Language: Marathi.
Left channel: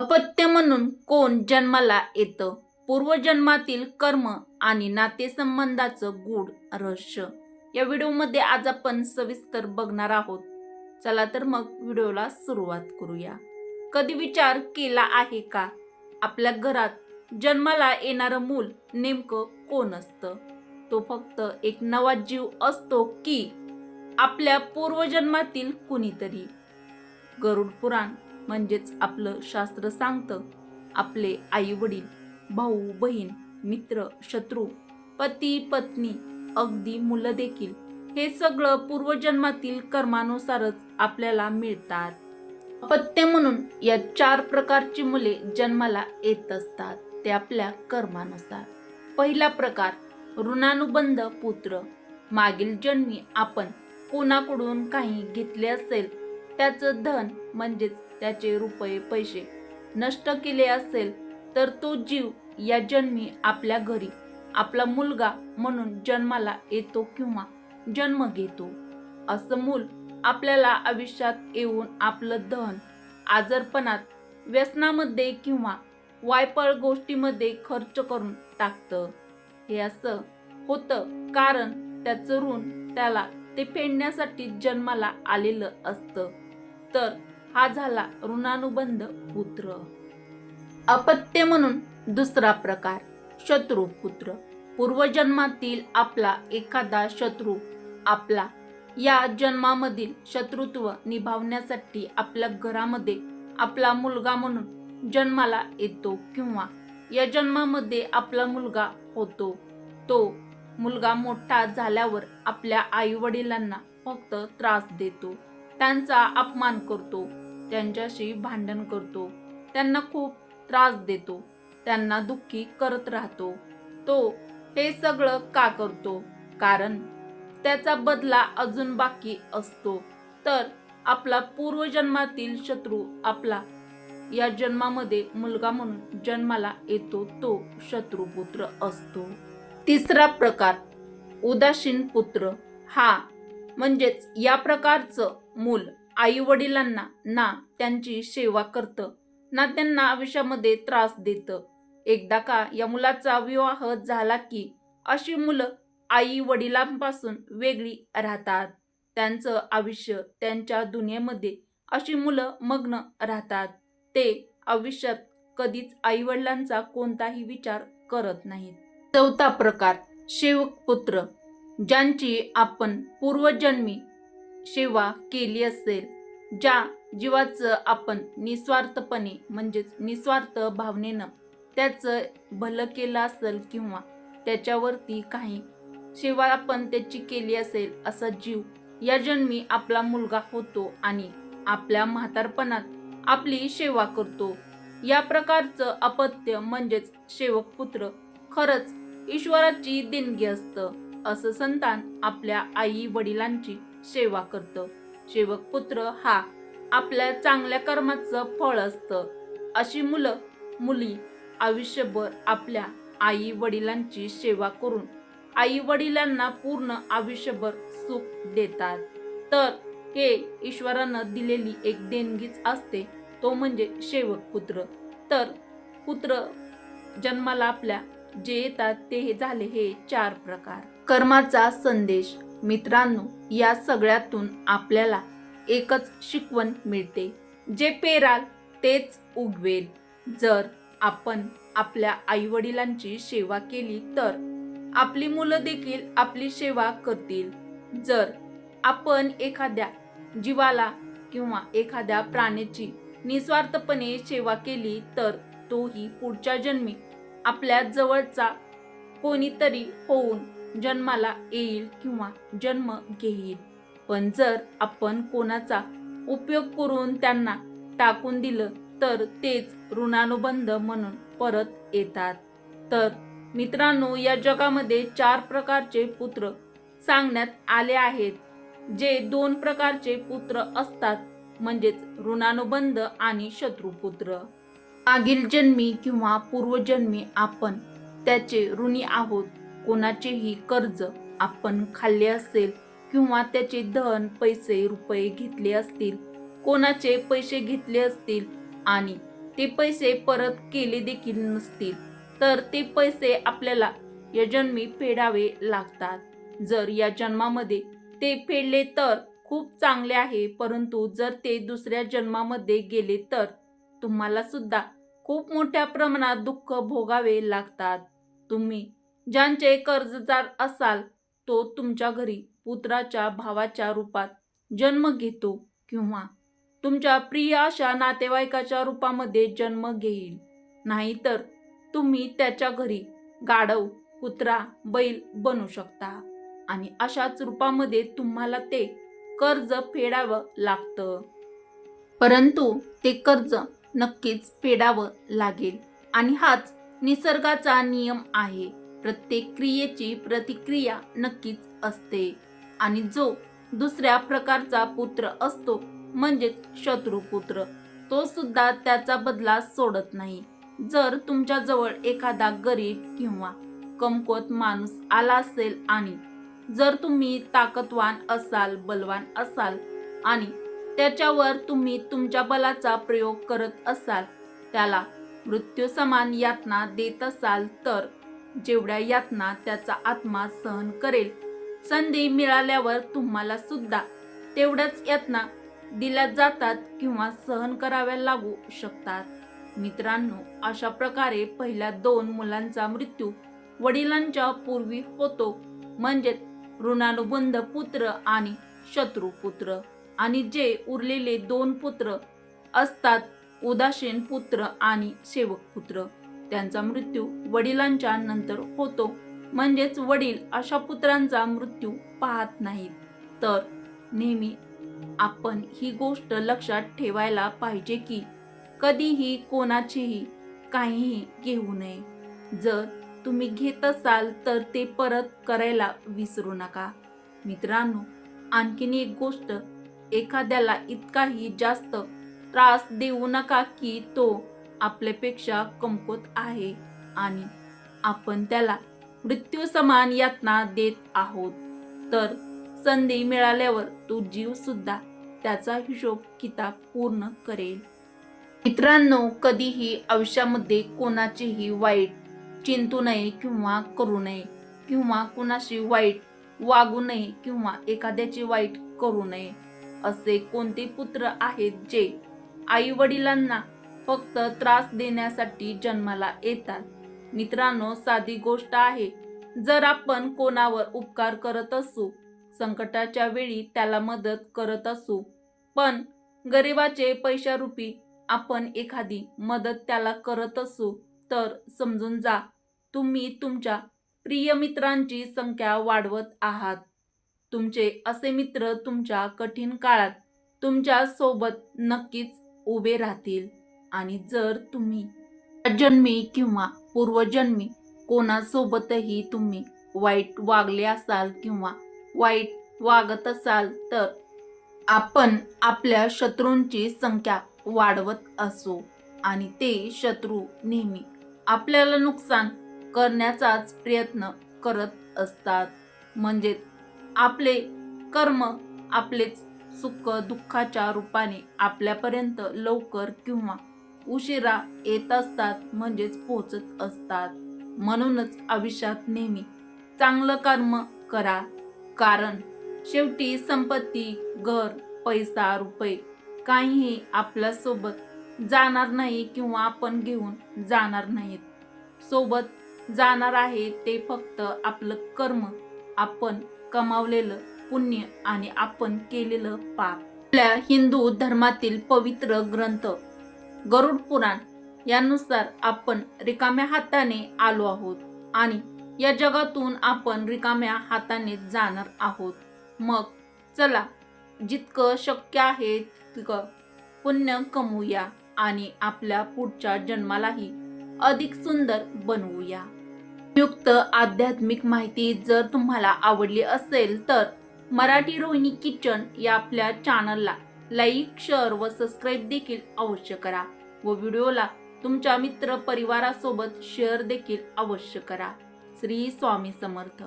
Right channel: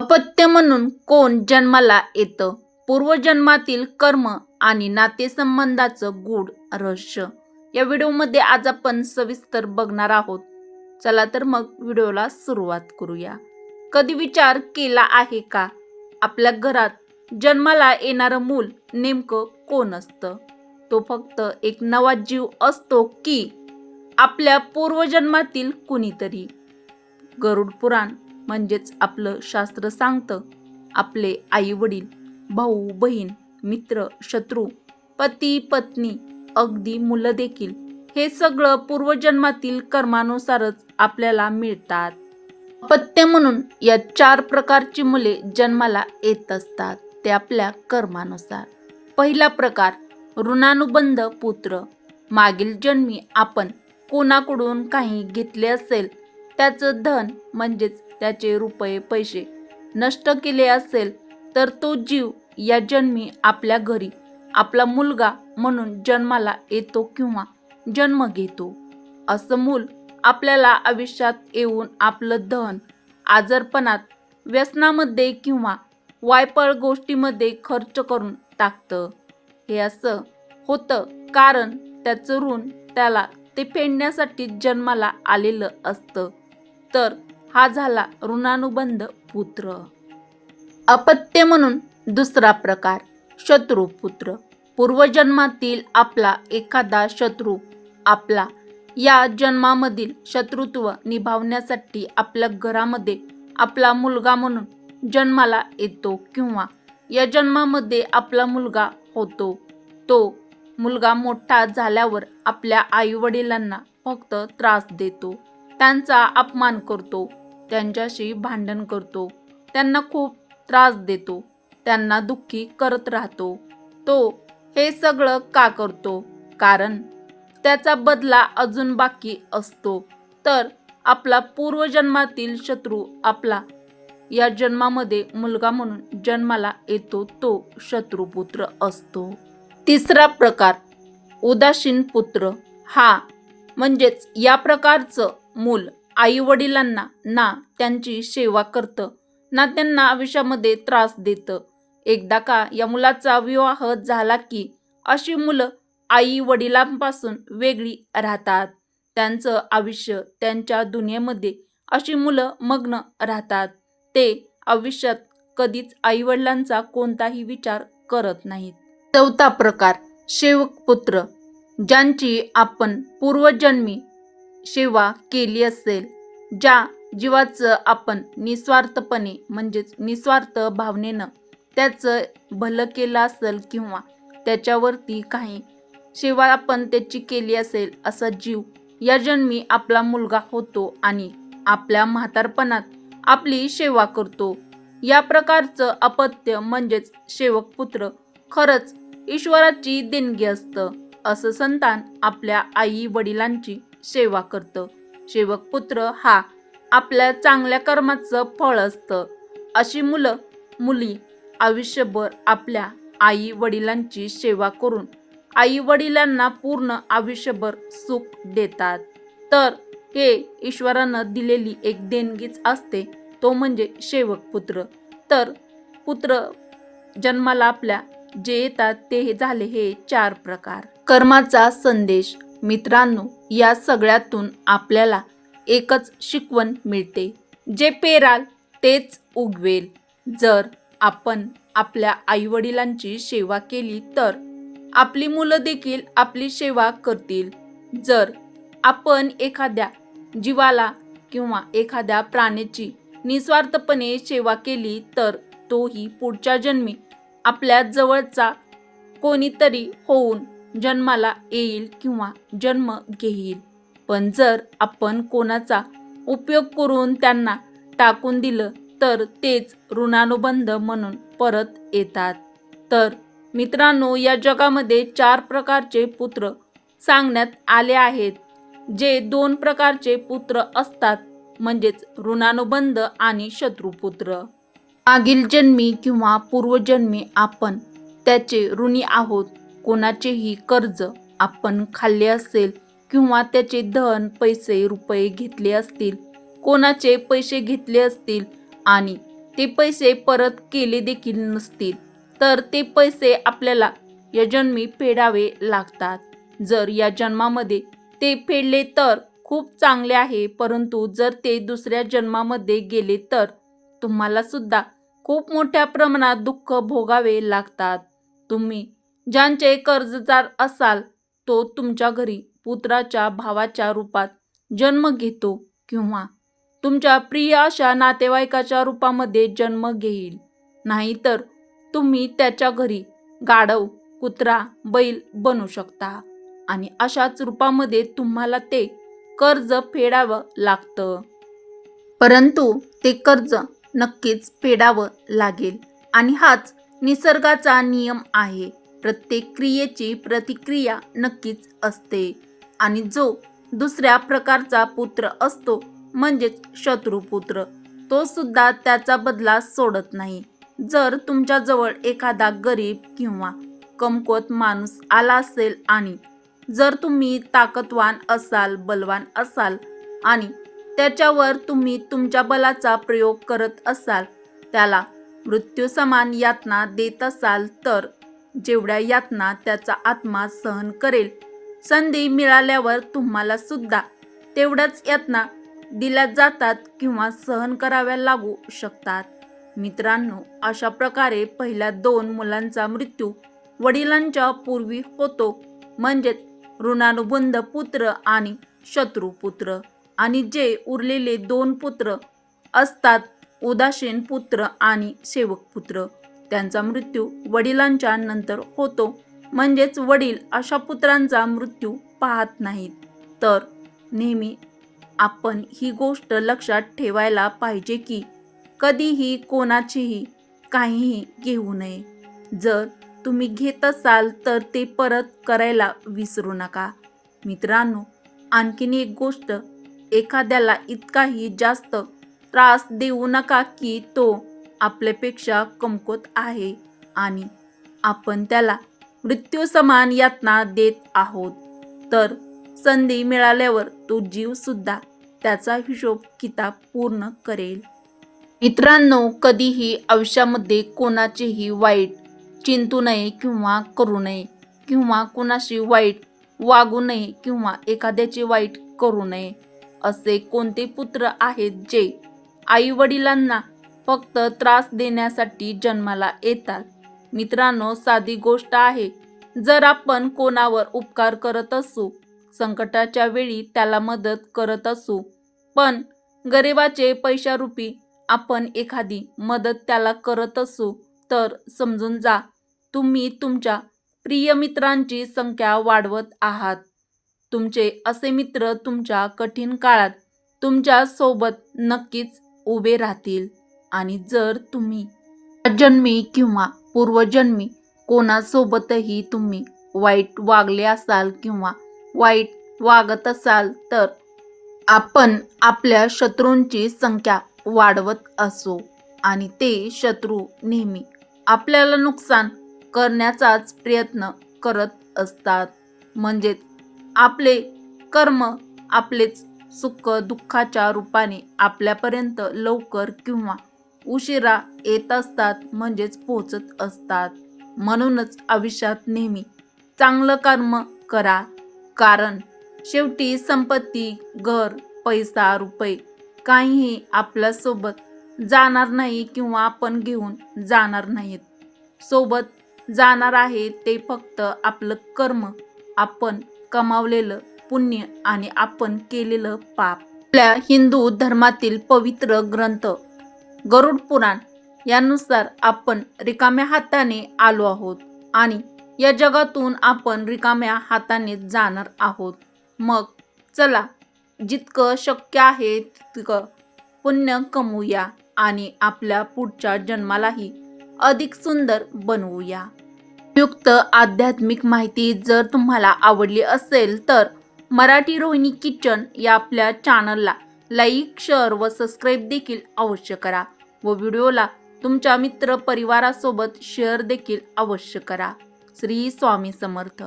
अपत्य म्हणून कोण जन्माला येतं? पूर्वजन्मातील कर्म आणि नातेसंबंधाचं गूढ रहस्य. या व्हिडिओमध्ये आज आपण सविस्तर बघणार आहोत. चला तर मग व्हिडिओला सुरुवात करूया. कधी विचार केला आहे का? आपल्या घरात जन्माला येणारं मूल नेमकं कोण असतं? तो फक्त एक नवा जीव असतो की आपल्या पूर्वजन्मातील कुणीतरी? गरुड पुराण म्हणजेच आपलं शास्त्र सांगतं. आपले आई वडील भाऊ बहीण मित्र शत्रू पती पत्नी अगदी मुलं देखील हे सगळं पूर्वजन्मातील कर्मानुसारच आपल्याला मिळतात. अपत्य म्हणून या चार प्रकारची मुले जन्माला येत असतात ते आपल्या कर्मानुसार. पहिला प्रकार ऋणानुबंध पुत्र. मागील जन्मी आपण कोणाकडून काही घेतले असेल त्याचं धन म्हणजेच त्याचे रुपये पैसे नष्ट केले असेल तर तो जीव या जन्मी आपल्या घरी आपला मुलगा म्हणून जन्माला येतो किंवा जन्म घेतो. असं मूल आपल्याला आयुष्यात येऊन आपलं धन आजारपणात व्यसनामध्ये किंवा वायपळ गोष्टीमध्ये खर्च करून टाकतं. हे असं होतं कारण त्याचं ऋण त्याला ते फेडण्यासाठी जन्माला आलेलं असतं. तर हा झाला ऋणानुबंध पुत्र. अपत्य म्हणून दुसरा प्रकार शत्रुपुत्र पूर्वजन्मातील आपला एखादा शत्रू आपला या जन्मामधील शत्रुत्व निभावण्यासाठी आपल्या घरामध्ये आपला मुलगा म्हणून जन्माला येतो किंवा या जन्मामध्ये आपला मुलगा होतो. तो मुलगा मोठा झाल्यावर आपल्या आईवडिलांना फक्त त्रास देतो. त्यांचा अपमान करतो त्यांच्याशी भांडण करतो त्यांना खूप त्रास देतो त्यांना दुःखी करत राहतो. तो हे सगळं का करतो? कारण त्याचा बदला अजून बाकी असतो. तर आपला पूर्वजन्मातील शत्रू आपला. या जन्मामध्ये मुलगा म्हणून जन्माला येतो तो शत्रुपुत्र असतो. तिसरा प्रकार उदासीन पुत्र. हा म्हणजेच या प्रकारचं मूल आई वडिलांना ना त्यांची सेवा करतं ना त्यांना आयुष्यामध्ये त्रास देतं. एकदा का या मुलाचा विवाह झाला की अशी मुलं आई वडिलांपासून वेगळी राहतात. त्यांचं आयुष्य त्यांच्या दुनियेमध्ये अशी मुलं मग्न राहतात. ते आयुष्यात कधीच आई वडिलांचा कोणताही विचार करत नाहीत. चौथा प्रकार सेवक पुत्र ज्यांची आपण पूर्वजन्मी सेवा केली असेल ज्या जीवाचं आपण निस्वार्थपणे म्हणजेच निस्वार्थ भावनेनं त्याचं भलं केलं असेल किंवा त्याच्यावरती काही सेवा आपण त्याची केली असेल असा जीव या जन्मी आपला मुलगा होतो आणि आपल्या म्हातारपणात आपली सेवा करतो. या प्रकारचं अपत्य म्हणजेच सेवक पुत्र खरंच ईश्वराची देणगी असतं. असं संतान आपल्या आई वडिलांची सेवा करतं. सेवक पुत्र हा आपल्या चांगल्या कर्माचं फळ असतं. अशी मुलं मुली आयुष्यभर आपल्या आई वडिलांची सेवा करून आई वडिलांना पूर्ण आयुष्यभर सुख देतात. तर हे ईश्वरानं दिलेली एक देणगीच असते तो म्हणजे सेवक पुत्र. तर पुत्र जन्माला आपल्या जे येतात ते हे झाले हे चार प्रकार. कर्माचा संदेश मित्रांनो या सगळ्यातून आपल्याला एकच शिकवण मिळते. जे पेराल तेच उगवेल. जर आपण आपल्या आईवडिलांची सेवा केली तर आपली मुलं देखील आपली सेवा करतील. जर आपण एखाद्या जीवाला किंवा एखाद्या प्राण्याची निस्वार्थपणे सेवा केली तर तोही पुढच्या जन्मी आपल्या जवळचा कोणीतरी होऊन जन्माला येईल किंवा जन्म घेईल. पण जर आपण कोणाचा उपयोग करून त्यांना टाकून दिलं तर तेच ऋणानुबंध म्हणून परत येतात. तर मित्रांनो या जगामध्ये चार प्रकारचे पुत्र सांगण्यात आले आहेत. जे दोन प्रकारचे पुत्र असतात म्हणजेच ऋणानुबंध आणि शत्रुपुत्र. मागील जन्मी किंवा पूर्वजन्मी आपण त्याचे ऋणी आहोत. कोणाचेही कर्ज आपण खाल्ले असेल किंवा त्याचे धन पैसे रुपये घेतले असतील कोणाचे पैसे घेतले असतील आणि ते पैसे परत केले देखील नसतील तर ते पैसे आपल्याला या जन्मी फेडावे लागतात. जर या जन्मामध्ये ते फेडले तर खूप चांगले आहे परंतु जर ते दुसऱ्या जन्मामध्ये गेले तर तुम्हाला सुद्धा खूप मोठ्या प्रमाणात दुःख भोगावे लागतात. तुम्ही ज्यांचे कर्जदार असाल तो तुमच्या घरी पुत्राच्या भावाच्या रूपात जन्म घेतो किंवा तुमच्या प्रिय अशा नातेवाईकाच्या रूपामध्ये जन्म घेईल. नाहीतर तुम्ही त्याच्या घरी गाढव कुत्रा बैल बनू शकता आणि अशाच रूपामध्ये तुम्हाला ते कर्ज फेडावं लागतं. परंतु ते कर्ज नक्कीच फेडावं लागेल आणि हाच निसर्गाचा नियम आहे. प्रत्येक क्रियेची प्रतिक्रिया नक्कीच असते. आणि जो दुसऱ्या प्रकारचा पुत्र असतो म्हणजेच शत्रुपुत्र तो सुद्धा त्याचा बदला सोडत नाही. जर तुमच्याजवळ एखादा गरीब किंवा कमकुवत माणूस आला असेल आणि जर तुम्ही ताकदवान असाल बलवान असाल आणि त्याच्यावर तुम्ही तुमच्या बलाचा प्रयोग करत असाल त्याला मृत्यू समान यातना देत असाल तर जेवढ्या यातना त्याचा आत्मा सहन करेल. संधी मिळाल्यावर तुम्हाला सुद्धा तेवढ्याच यातना दिल्या जातात किंवा सहन कराव्या लागू शकतात. मित्रांनो अशा प्रकारे पहिल्या दोन मुलांचा मृत्यू वडिलांच्या पूर्वी होतो. म्हणजेच ऋणानुबंध पुत्र आणि शत्रुपुत्र आणि जे उरलेले दोन पुत्र असतात उदासीन पुत्र आणि सेवक पुत्र. त्यांचा मृत्यू वडिलांच्या नंतर होतो. म्हणजेच वडील अशा पुत्रांचा मृत्यू पाहत नाहीत. तर नेहमी आपण ही गोष्ट लक्षात ठेवायला पाहिजे की कधीही कोणाचीही काहीही घेऊ नये. जर तुम्ही घेत असाल तर ते परत करायला विसरू नका. मित्रांनो आणखीन एक गोष्ट एखाद्याला इतकाही जास्त त्रास देऊ नका की तो आपल्यापेक्षा कमकुवत आहे आणि आपण त्याला मृत्यू समान यातना देत आहोत. तर संधी मिळाल्यावर तो जीवसुद्धा त्याचा हिशोब किताब पूर्ण करेल. मित्रांनो कधीही आयुष्यामध्ये कोणाचेही वाईट चिंतू नये किंवा करू नये किंवा कोणाशी वाईट वागू नये किंवा एखाद्याचे वाईट करू नये असे कोणते पुत्र आहेत जे आई वडिलांना फक्त त्रास देण्यासाठी जन्माला येतात. मित्रांनो साधी गोष्ट आहे जर आपण कोणावर उपकार करत असू संकटाच्या वेळी त्याला मदत करत असू पण गरिबाचे पैशारूपी आपण एखादी मदत त्याला करत असू तर समजून जा तुम्ही तुमच्या प्रिय मित्रांची संख्या वाढवत आहात. तुमचे असे मित्र तुमच्या कठीण काळात तुमच्यासोबत नक्कीच उभे राहतील. आणि जर तुम्ही जन्मी किंवा पूर्वजन्मी कोणासोबतही तुम्ही वाईट वागले असाल किंवा वाईट वागत असाल तर आपण आपल्या शत्रूंची संख्या वाढवत असो आणि ते शत्रू नेहमी आपल्याला नुकसान करण्याचाच प्रयत्न करत असतात. म्हणजेच आपले कर्म आपलेच सुख दुःखाच्या रूपाने आपल्यापर्यंत लवकर किंवा उशिरा येत असतात म्हणजेच पोचत असतात. म्हणूनच आयुष्यात नेहमी चांगलं कर्म करा. कारण शेवटी संपत्ती घर पैसा रुपये काहीही आपल्यासोबत जाणार नाही किंवा आपण घेऊन जाणार नाहीत. सोबत जाणार आहे ते फक्त आपलं कर्म. आपण कमावलेलं पुण्य आणि आपण केलेलं पाप. आपल्या हिंदू धर्मातील पवित्र ग्रंथ गरुड पुराण यानुसार आपण रिकाम्या हाताने आलो आहोत आणि या जगातून आपण रिकाम्या हाताने जाणार आहोत. मग चला जितकं शक्य आहे तितकं पुण्य कमवूया आणि आपल्या पुढच्या जन्मालाही अधिक सुंदर बनवूया. युक्त आध्यात्मिक माहिती जर तुम्हाला आवडली असेल तर मराठी रोहिणी किचन या आपल्या चॅनलला लाईक शेअर व सबस्क्राईब देखील अवश्य करा. व व्हिडिओला तुमच्या मित्र परिवारासोबत शेअर देखील अवश्य करा. श्री स्वामी समर्थ.